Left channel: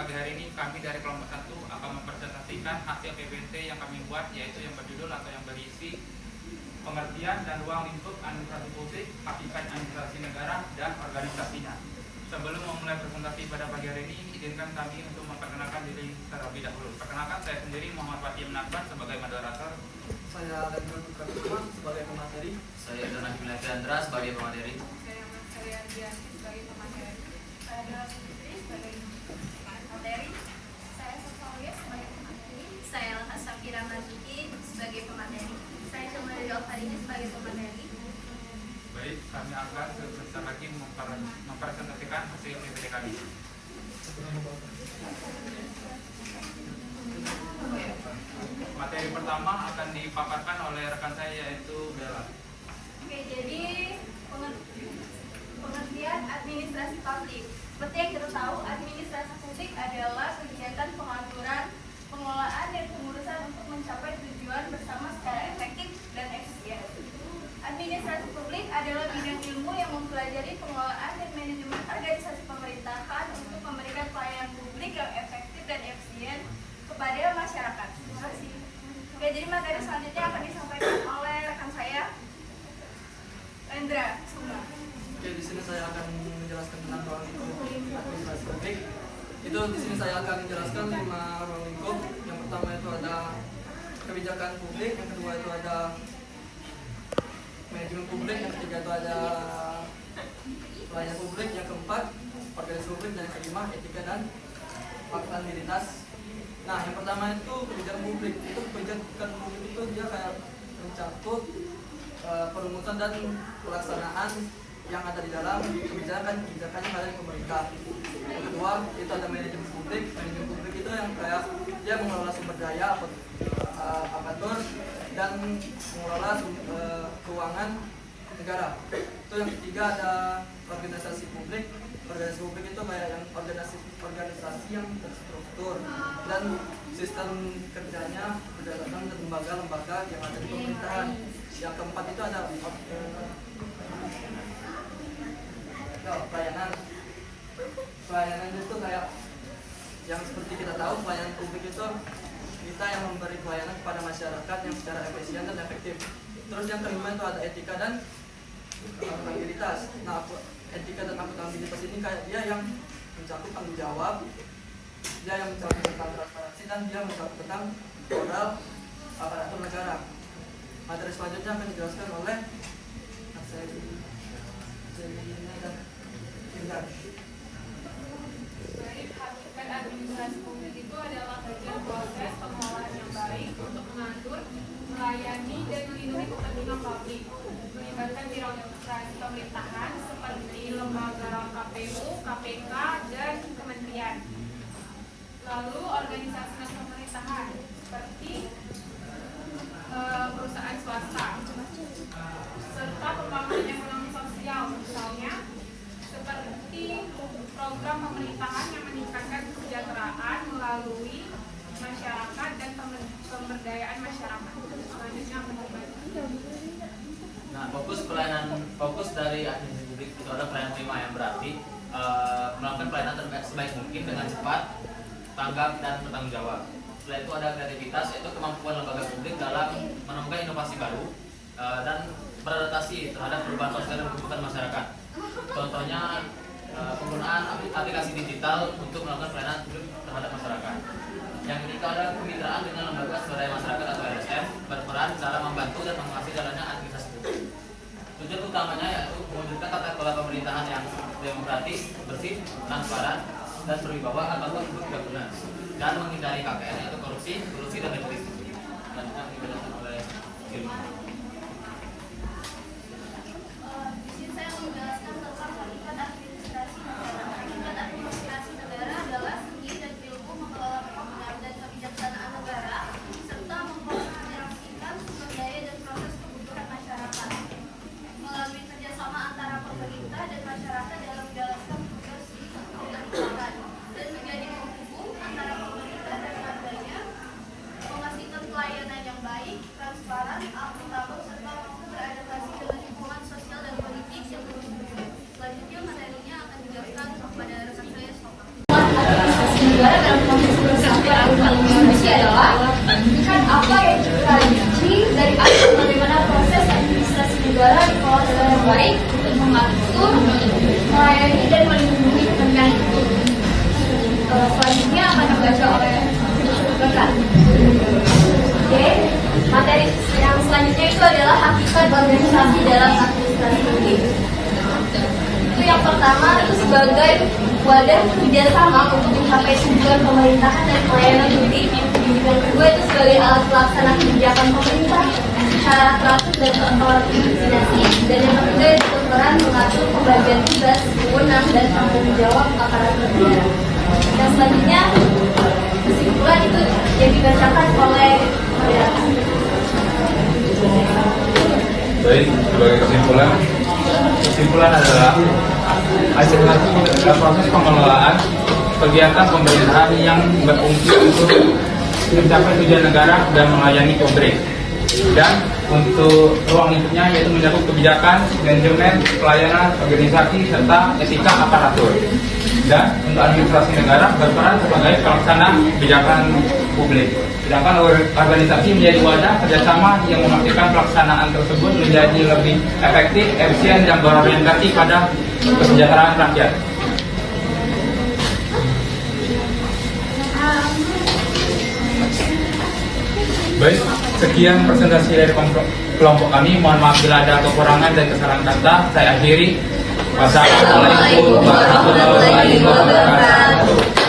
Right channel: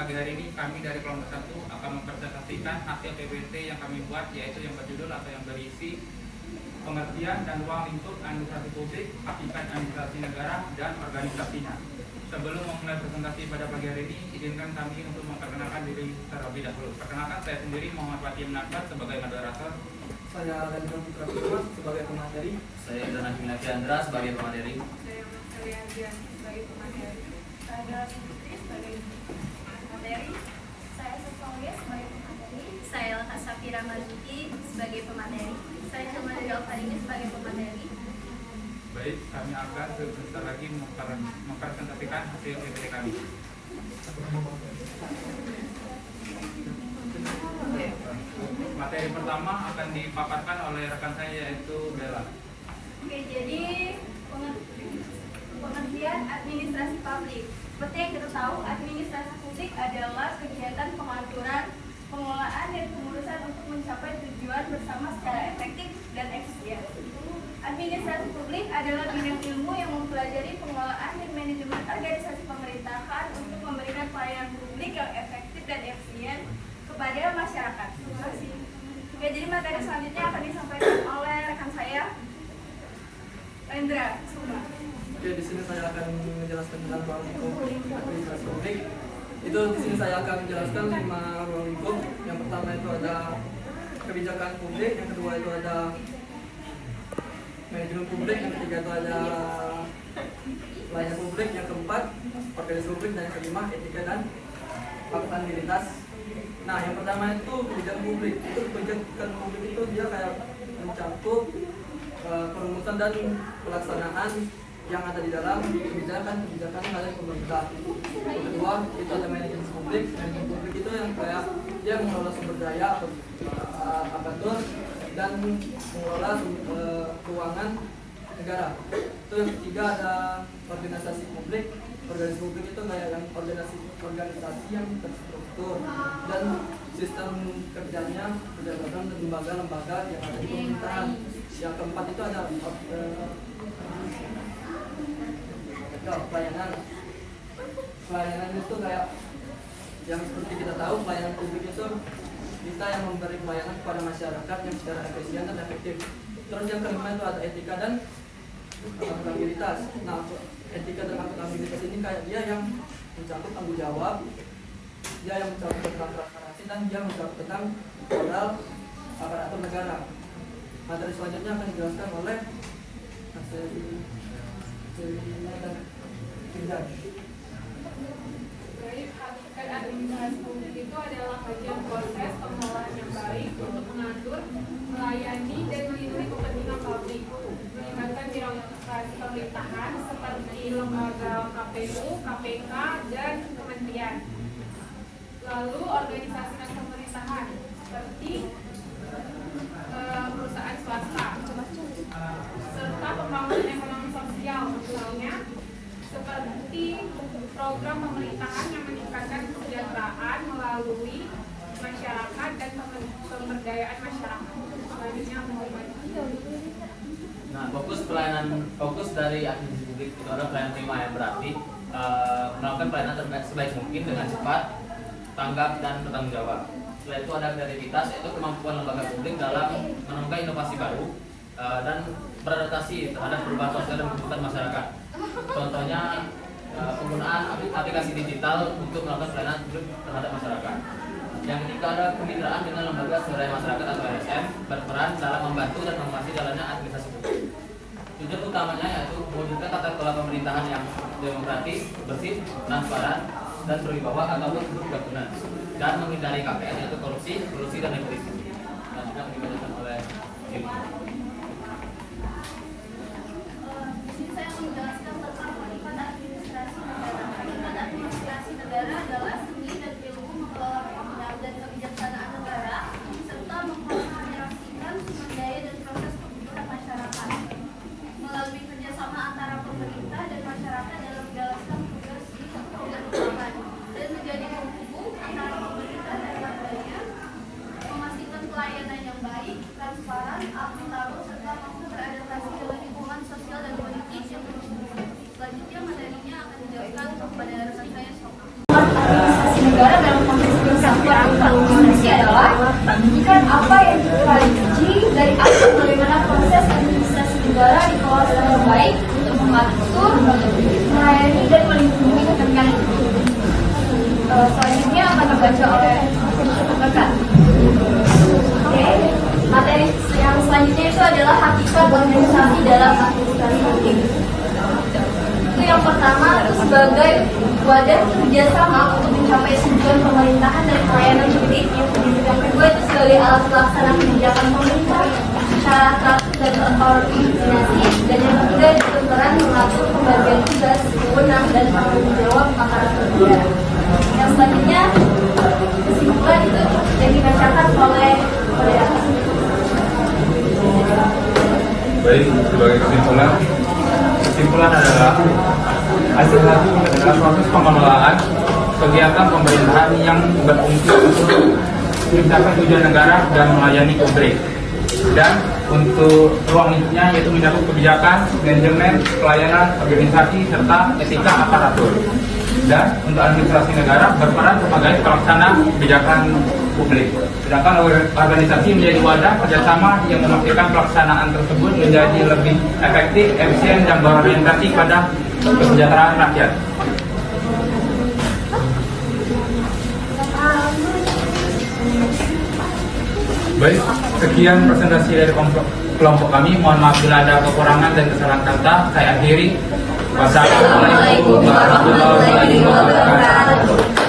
pagi hari ini kami dari kelompok 1 akan mempresentasikan hasil PPT yang kami buat, yaitu yang berjudul atau yang berisi pengertian dan ruang lingkup administrasi publik, hakikat administrasi negara, dan organisasinya. Sebelum memulai presentasi pada pagi hari ini, izinkan kami untuk memperkenalkan diri terlebih dahulu. Perkenalkan, saya sendiri Muhammad Fatim Nakbar sebagai moderator. Saya Ganjar Putra sebagai pemateri. Saya Idana Chandra sebagai pemateri. Saya Adriani sebagai pemateri. Saya Dara Sutri sebagai pemateri. Saya Sofia sebagai pemateri. Saya Safira Marzuki sebagai pemateri. Saya Cuma dari Alfarini sebagai pemateri. Baik, kami akan sebentar lagi mempresentasikan hasil PPT kami. Materi pertama akan dipaparkan oleh rekan saya, yaitu Bella. Oke, jadi pengertian administrasi publik. Seperti yang kita tahu, administrasi publik adalah kegiatan pengaturan, pengelolaan, dan pengurusan untuk mencapai tujuan bersama secara efektif dan efisien. Administrasi publik adalah bidang ilmu yang mempelajari pengelolaan dan manajemen organisasi pemerintahan untuk memberikan pelayanan publik yang efektif dan efisien kepada masyarakat. Terima kasih. Oke, jadi materi selanjutnya akan disampaikan oleh rekan saya, Rendra Sumba. Oke, di sini saya akan menjelaskan tentang ruang lingkup administrasi publik. Itu di sini saya akan menjelaskan 5 ruang lingkup. Yang pertama itu ada kebijakan publik, yang kedua itu ada manajemen publik, yang ketiga itu ada pelayanan publik, yang keempat organisasi publik, dan yang kelima etika dan akuntabilitas. Nah, yang pertama itu kebijakan publik. Itu kebijakan publik itu dia kayak mencakup perumusan dan pelaksanaan yang ada di dalam kebijakan yang ada di pemerintah. Yang kedua itu ada manajemen publik. Manajemen publik itu yang kayak dia mengelola sumber daya aparatur dan mengelola keuangan negara. Itu yang ketiga ada organisasi publik. Organisasi publik itu kayak yang organisasi yang terstruktur dan sistem kerjanya berdasarkan lembaga-lembaga yang ada di pemerintahan. Yang keempat itu ada pelayanan. Pelayanan itu kayak yang seperti kita tahu, pelayanan publik itu kita yang memberi pelayanan kepada masyarakat yang secara efisien dan efektif. Terus yang kelima itu ada etika dan akuntabilitas. Nah, etika dan akuntabilitas ini kayak dia yang mencakup tanggung jawab, dia yang mencakup tentang transparansi, dan dia mencakup tentang moral aparatur negara. Materi selanjutnya akan dijelaskan oleh dan Indra. Baik, hakikat administrasi publik itu adalah bagian proses pengelolaan yang baik untuk mengatur, melayani, dan melindungi kepentingan publik, melibatkan birokrasi pemerintahan seperti lembaga KPU, KPK, dan kementerian. Lalu organisasi dan pemerintahan seperti perusahaan swasta, serta pembangunan ekonomi sosial, misalnya seperti program pemerintahan yang meningkatkan kesejahteraan melalui masyarakat dan pemberdayaan masyarakat. Selanjutnya akan dibahas. Nah, fokus dari administrasi publik itu ada pelayanan prima, yang berarti melakukan pelayanan sebaik mungkin dengan cepat, tanggap, dan bertanggung jawab. Setelah itu ada kreativitas, yaitu kemampuan lembaga publik dalam menemukan inovasi baru dan beradaptasi terhadap perubahan sosial dan kebutuhan masyarakat. Contohnya penggunaan aplikasi digital untuk melakukan pelayanan publik terhadap masyarakat. Yang ketiga ada kemitraan dengan lembaga swadaya masyarakat atau LSM, berperan dalam membantu dan mengawasi jalannya administrasi publik. Tujuan utamanya yaitu mewujudkan tata kelola pemerintahan yang demokratis, bersih, transparan, dan berwibawa ataupun berguna, dan menghindari KPN yaitu korupsi dan nepotisme. Selanjutnya akan dibacakan oleh Kim. Di sini saya menjelaskan tentang hakikat administrasi negara. Hakikat administrasi negara adalah seni dan ilmu mengelola penggunaan dan kebijaksanaan negara serta mengkoordinasikan sumber daya dan proses kebutuhan masyarakat melalui kerjasama antara pemerintah dan masyarakat dalam menjalankan tugas keutamaan dan menjadi penghubung antara pemerintah dan warganya, memastikan pelayanan yang baik, transparan, akuntabel, serta mampu beradaptasi dengan lingkungan sosial dan politik yang terus berubah. Selanjutnya materinya akan dijelaskan kepada rekan saya, Soka. Administrasi negara menyampaikan apa yang dipelajari dari aspek bagaimana proses administrasi negara dikelola secara baik untuk mengatur, melayani, dan melindungi kepentingan publik. Selanjutnya akan dibaca oleh rekan. Oke, materi yang selanjutnya itu adalah hakikat organisasi dalam administrasi publik. Itu yang pertama itu sebagai wadah kerjasama untuk mencapai tujuan pemerintahan dan pelayanan publik. Yang kedua itu sebagai alat pelaksana kebijakan pemerintah secara teratur dan terkoordinasi. Dan yang ketiga itu berperan mengatur pembagian tugas, wewenang, dan tanggung jawab aparatur negara. Yang selanjutnya kesimpulan itu yang dibacakan oleh moderator. Baik, sebagai kesimpulan adalah administrasi adalah proses pengelolaan kegiatan pemerintahan yang berfungsi untuk mencapai tujuan negara dan melayani publik. Dan untuk ruang lingkupnya yaitu mencakup kebijakan, manajemen, pelayanan, organisasi, serta etika aparatur. Dan untuk administrasi negara berperan sebagai pelaksana kebijakan publik. Sedangkan organisasi menjadi wadah kerjasama yang memastikan pelaksanaan tersebut menjadi lebih efektif, efisien, dan berorientasi pada kesejahteraan rakyat. Baik, sekian presentasi dari kelompok kami. Mohon maaf bila ada kekurangan dan kesalahan kata. Saya akhiri. Wassalamualaikum warahmatullahi wabarakatuh.